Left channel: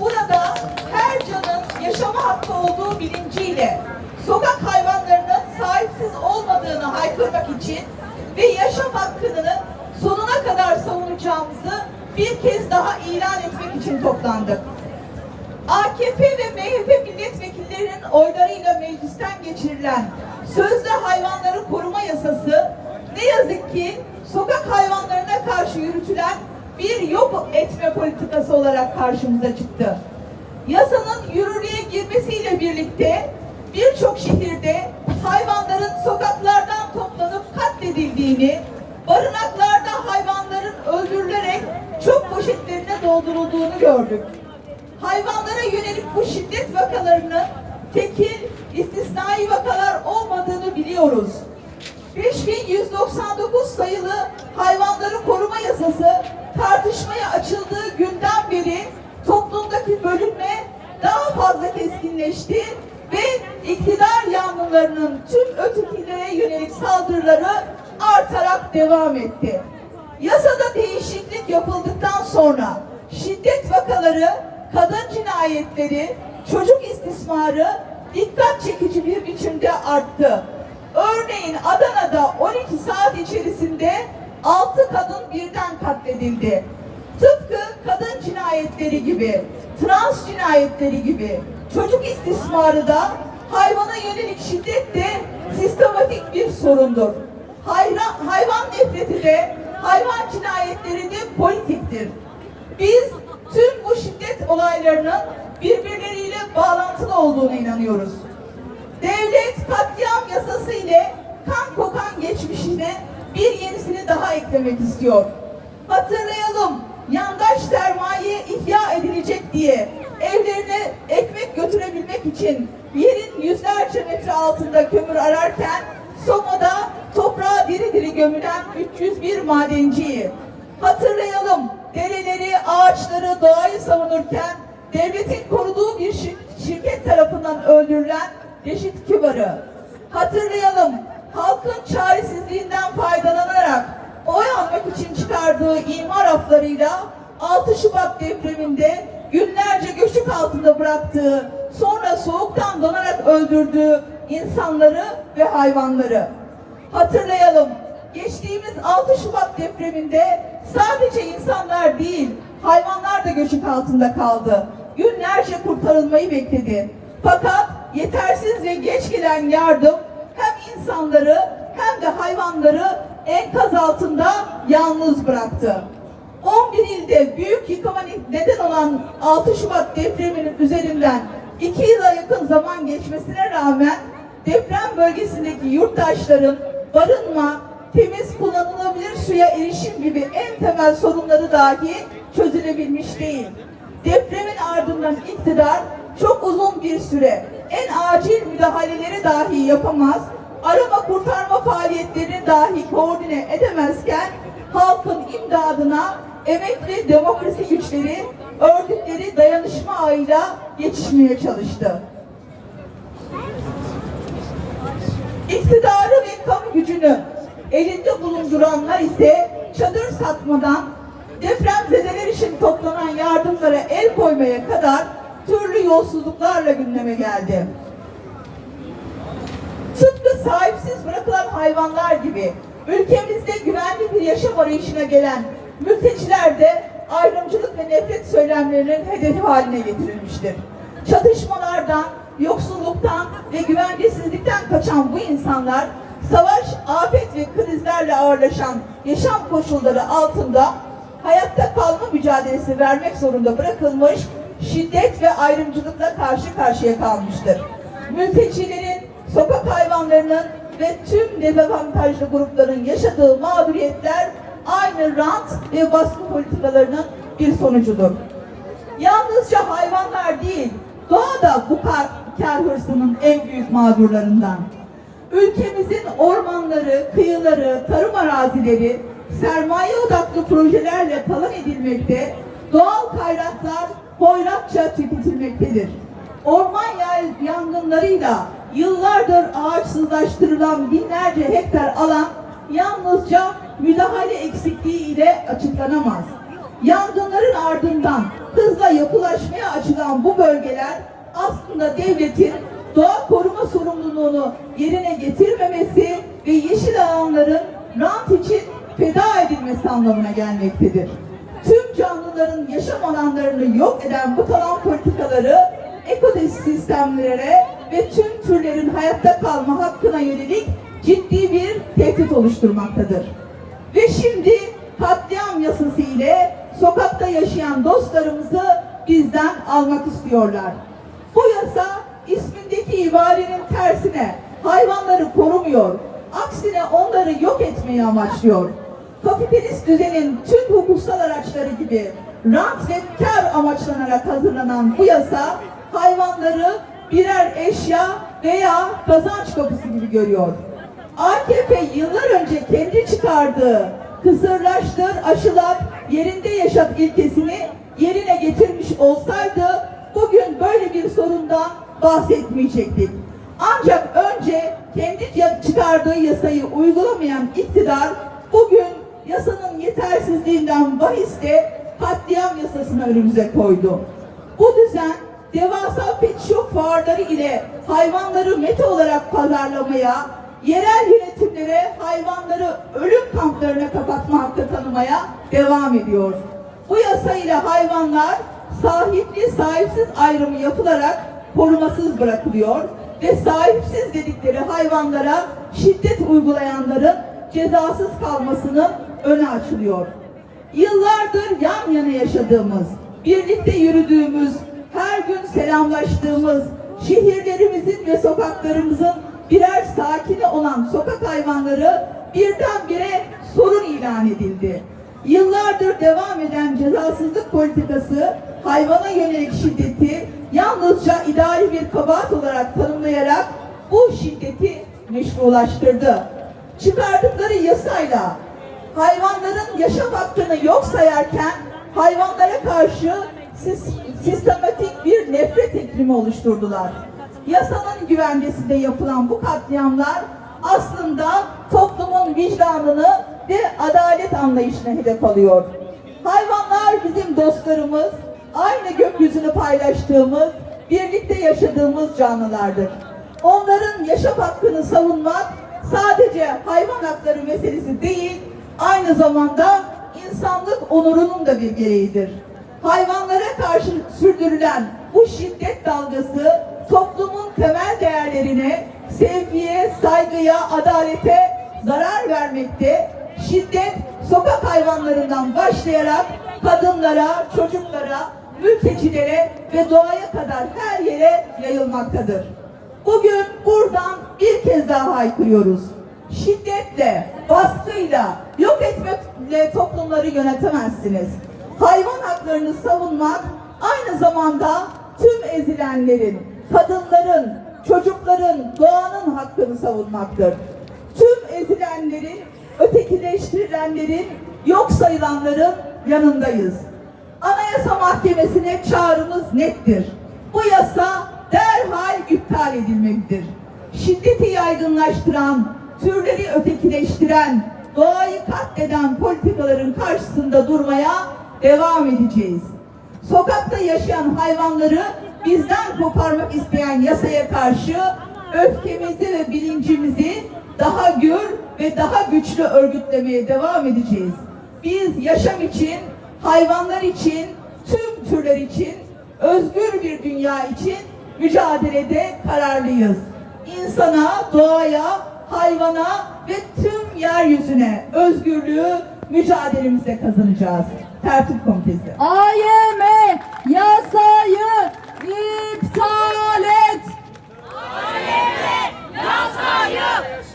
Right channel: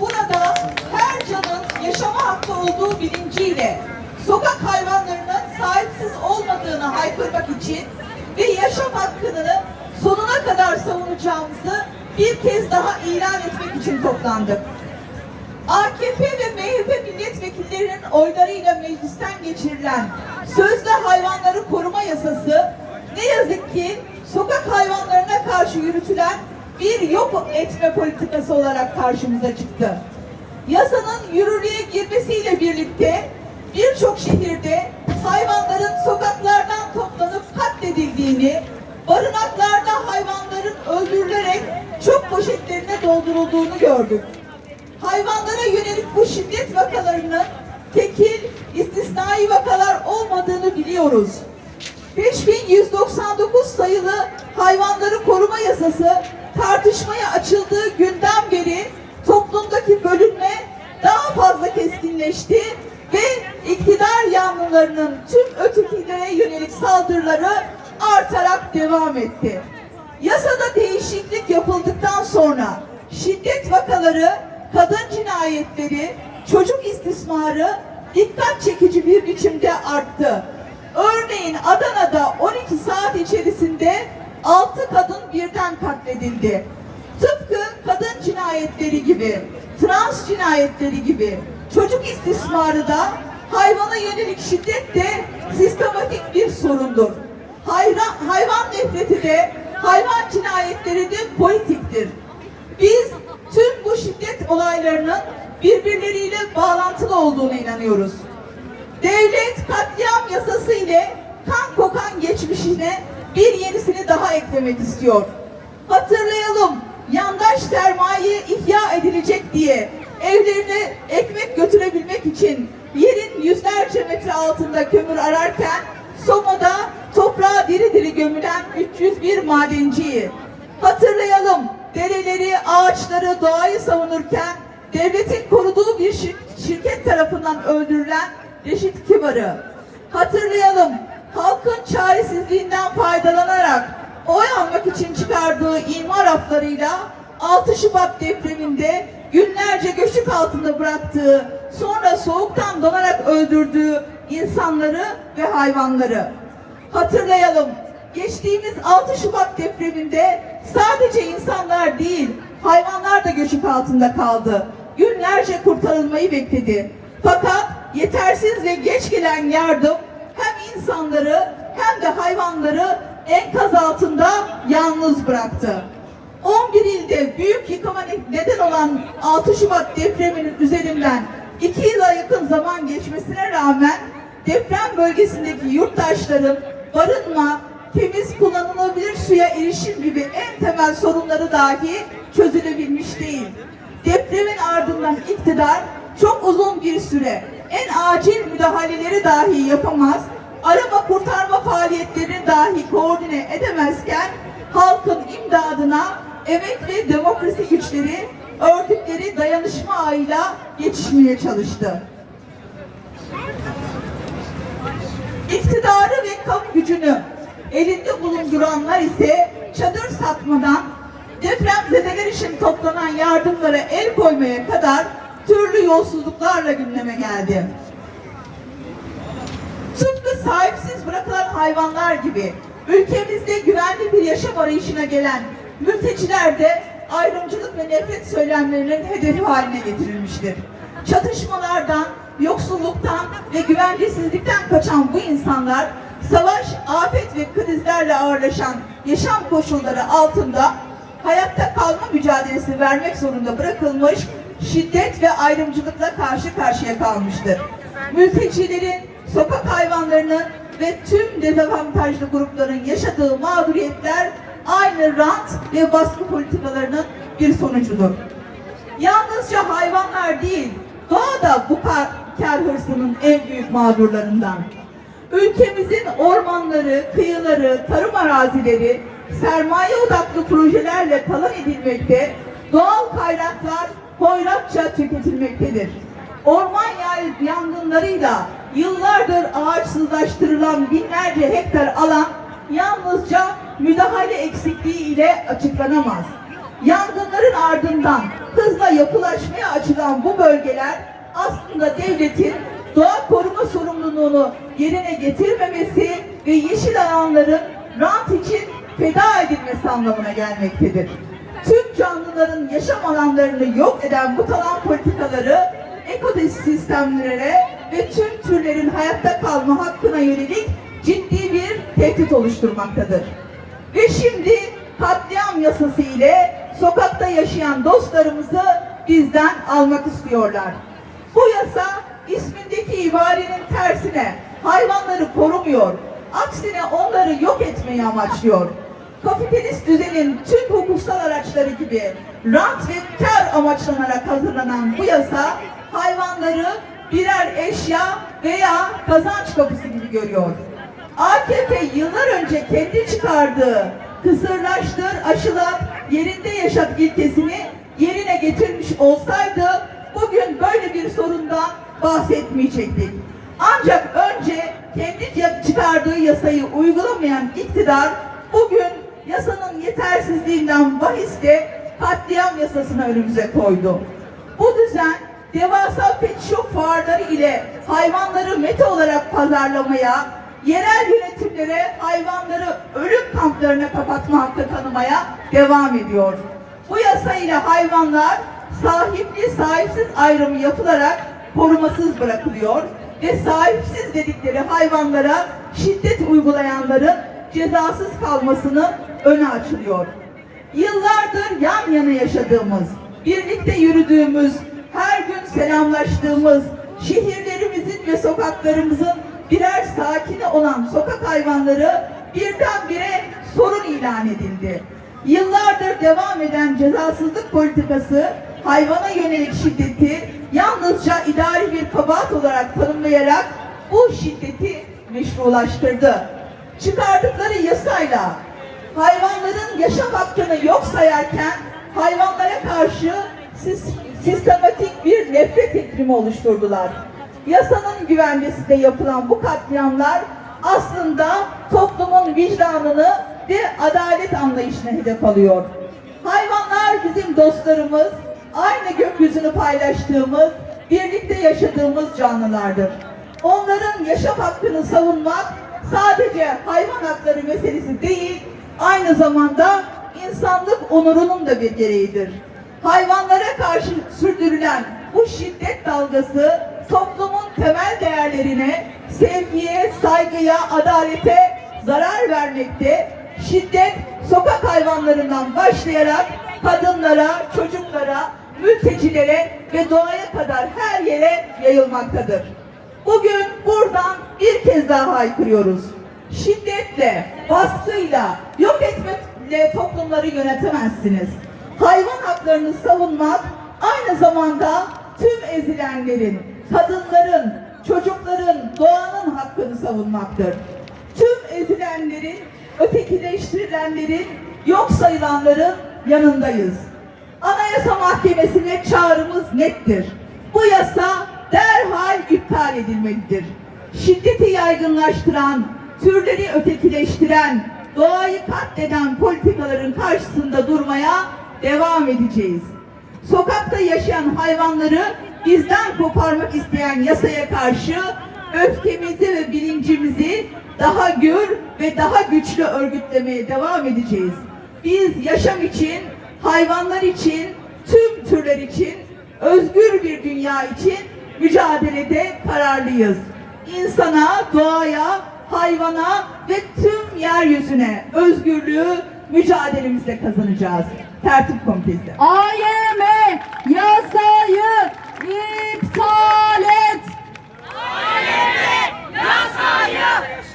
Burada her canın yaşama hakkı olduğu bilinciyle sokak hayvanlarının sahipsiz olmadığını haykırmak için ve yaşam hakkını sonuna kadar savunacağımızı bir kez daha ilan etmek için toplandık. AKP ve MHP milletvekillerinin oylarıyla meclisten geçirilen sözde hayvanları koruma yasası ne yazık ki sokak hayvanlarına karşı yürütülen bir yok etme politikası olarak karşımıza çıktı. Yasanın yürürlüğe girmesiyle birlikte birçok şehirde hayvanların sokaklardan toplanıp katledildiğini, barınaklarda hayvanların öldürülerek çöp poşetlerine doldurulduğunu gördük hayvanlara yönelik bu şiddet vakalarının tekil, istisnai vakalar olmadığını biliyoruz. 5199 sayılı hayvanları koruma yasası tartışmaya açıldığı günden beri toplumdaki bölünme daha fazla keskinleşti ve iktidar yanlılarının tüm ötekilere yönelik saldırıları artarak devam etti. Yasada değişiklik yapıldıktan sonra şiddet vakaları, kadın cinayetleri, çocuk istismarı dikkat çekici bir biçimde arttı. Örneğin Adana'da 12 saat içerisinde 6 kadın birden katledildi. Tıpkı kadın cinayetleri gibi, trans cinayetleri gibi çocuk istismarı da hayvana yönelik şiddet de sistematik bir sorundur. Hayra- hayvan nefreti de, hayvan cinayetleri de politiktir. Biz tüm bu şiddet olaylarının birbirleriyle bağlantılı olduğuna inanıyoruz. Devlet katliam yasası ile kan kokan geçmişine bir yenisini daha eklemek istiyor. Hatırlayalım, yandaş sermaye ihya edilecek diye evlerine ekmek götürebilmek için yerin yüzlerce metre altında kömür ararken Soma'da toprağa diri diri gömülen 301 madenciyi. Hatırlayalım, dereleri, ağaçları, doğayı savunurken devletin koruduğu bir şir- şirket tarafından öldürülen Reşit Kibar'ı. Hatırlayalım, halkın çaresizliğinden oy almak için çıkardığı imar aflarıyla 6 Şubat depreminde günlerce göçük altında bıraktığı, sonra soğuktan donarak öldürdüğü insanları ve hayvanları. Hatırlayalım, geçtiğimiz 6 Şubat depreminde sadece insanlar değil, hayvanlar da göçük altında kaldı. Günlerce kurtarılmayı bekledi. Fakat yetersiz ve geç gelen yardım hem insanları hem de hayvanları enkaz altında yalnız bıraktı. 11 ilde büyük yıkıma neden olan 6 Şubat depreminin üzerinden 2 yıla yakın zaman geçmesine rağmen deprem bölgesindeki yurttaşların barınma, temiz kullanılabilir suya erişim gibi en temel sorunları dahi çözülebilmiş değil. Depremin ardından iktidar çok uzun bir süre en acil müdahaleleri dahi yapamaz, arama kurtarma faaliyetlerini dahi koordine edemezken halkın imdadına emek ve demokrasi güçleri ördükleri dayanışma ağıyla yetişmeye çalıştı. İktidarı ve kamu gücünü elinde bulunduranlar ise çadır satmadan depremzedeler için toplanan yardımlara el koymaya kadar türlü yolsuzluklarla gündeme geldi. Sahipsiz bırakılan hayvanlar gibi ülkemizde güvenli bir yaşam arayışına gelen mülteciler de ayrımcılık ve nefret söylemlerinin hedefi haline getirilmiştir. Çatışmalardan, yoksulluktan ve güvencesizlikten kaçan bu insanlar savaş, afet ve krizlerle ağırlaşan yaşam koşulları altında hayatta kalma mücadelesi vermek zorunda bırakılmış şiddet ve ayrımcılıkla karşı karşıya kalmıştır. Mültecilerin, sokak hayvanlarının ve tüm dezavantajlı grupların yaşadığı mağduriyetler aynı rant ve baskı politikalarının bir sonucudur. Yalnızca hayvanlar değil, doğa da bu kar, hırsının en büyük mağdurlarından. Ülkemizin ormanları, kıyıları, tarım arazileri sermaye odaklı projelerle talan edilmekte, doğal kaynaklar hoyratça tüketilmektedir. Orman yangınlarıyla yıllardır ağaçsızlaştırılan binlerce hektar alan yalnızca müdahale eksikliği ile açıklanamaz. Yangınların ardından hızla yapılaşmaya açık bölgeler aslında devletin doğa koruma sorumluluğunu yerine getirmemesi ve yeşil alanların rant için feda edilmesi anlamına gelmektedir. Tüm canlıların yaşam alanlarını yok eden bu talan politikaları ekosistemlere ve tüm türlerin hayatta kalma hakkına yönelik ciddi bir tehdit oluşturmaktadır. Ve şimdi katliam yasası ile sokakta yaşayan dostlarımızı bizden almak istiyorlar. Bu yasa ismindeki ibarenin tersine hayvanları korumuyor, aksine onları yok etmeyi amaçlıyor. Kapitalist düzenin tüm hukuksal araçları gibi rant ve kar amaçlanarak hazırlanan bu yasa hayvanları birer eşya veya kazanç kapısı gibi görüyor. AKP yıllar önce kendi çıkardığı kısırlaştır, aşılat, yerinde yaşat ilkesini yerine getirmiş olsaydı bugün böyle bir sorundan bahsetmeyecektik. Ancak önce kendi çıkardığı yasayı uygulamayan iktidar bugün yasanın yetersizliğinden bahiste katliam yasasını önümüze koydu. Bu düzen devasa pet shop fuarları ile hayvanları mete olarak pazarlamaya, yerel yönetimlere hayvanları ölüm kamplarına kapatma hakkı tanımaya devam ediyor. Bu yasa ile hayvanlar sahipli sahipsiz ayrımı yapılarak korumasız bırakılıyor ve sahipsiz dedikleri hayvanlara şiddet uygulayanların cezasız kalmasının önü açılıyor. Yıllardır yan yana yaşadığımız, birlikte yürüdüğümüz, her gün selamlaştığımız, şehirlerimizin ve sokaklarımızın birer sakini olan sokak hayvanları birdenbire sorun ilan edildi. Yıllardır devam eden cezasızlık politikası hayvana yönelik şiddeti yalnızca idari bir kabahat olarak tanımlayarak bu şiddeti meşrulaştırdı. Çıkardıkları yasayla hayvanların yaşam hakkını yok sayarken hayvanlara karşı sis- sistematik bir nefret iklimi oluşturdular. Yasanın güvencesinde yapılan bu katliamlar aslında toplumun vicdanını ve adalet anlayışına hedef alıyor. Hayvanlar bizim dostlarımız, aynı gökyüzünü paylaştığımız, birlikte yaşadığımız canlılardır. Onların yaşam hakkını savunmak sadece hayvan hakları meselesi değil, aynı zamanda insanlık onurunun da bir gereğidir. Hayvanlara karşı sürdürülen bu şiddet dalgası toplumun temel değerlerine, sevgiye, saygıya, adalete zarar vermekte. Şiddet sokak hayvanlarından başlayarak kadınlara, çocuklara, mültecilere ve doğaya kadar her yere yayılmaktadır. Bugün buradan bir kez daha haykırıyoruz. Şiddetle, baskıyla, yok etmekle toplumları yönetemezsiniz. Hayvan haklarını savunmak aynı zamanda tüm ezilenlerin, kadınların, çocukların, doğanın hakkını savunmaktır. Tüm ezilenlerin, ötekileştirilenlerin, yok sayılanların yanındayız. Anayasa Mahkemesi'ne çağrımız nettir. Bu yasa derhal iptal edilmelidir. Şiddeti yaygınlaştıran, türleri ötekileştiren, doğayı katleden politikaların karşısında durmaya devam edeceğiz. Sokakta yaşayan hayvanları bizden koparmak isteyen yasaya karşı öfkemizi ve bilincimizi daha gür ve daha güçlü örgütlemeye devam edeceğiz. Biz yaşam için, hayvanlar için, tüm türler için, özgür bir dünya için mücadelede kararlıyız. İnsana, doğaya, hayvana ve tüm yeryüzüne özgürlüğü mücadelemizle kazanacağız. Tertip Komitesi. AYM yasayı iptal et. AYM yasayı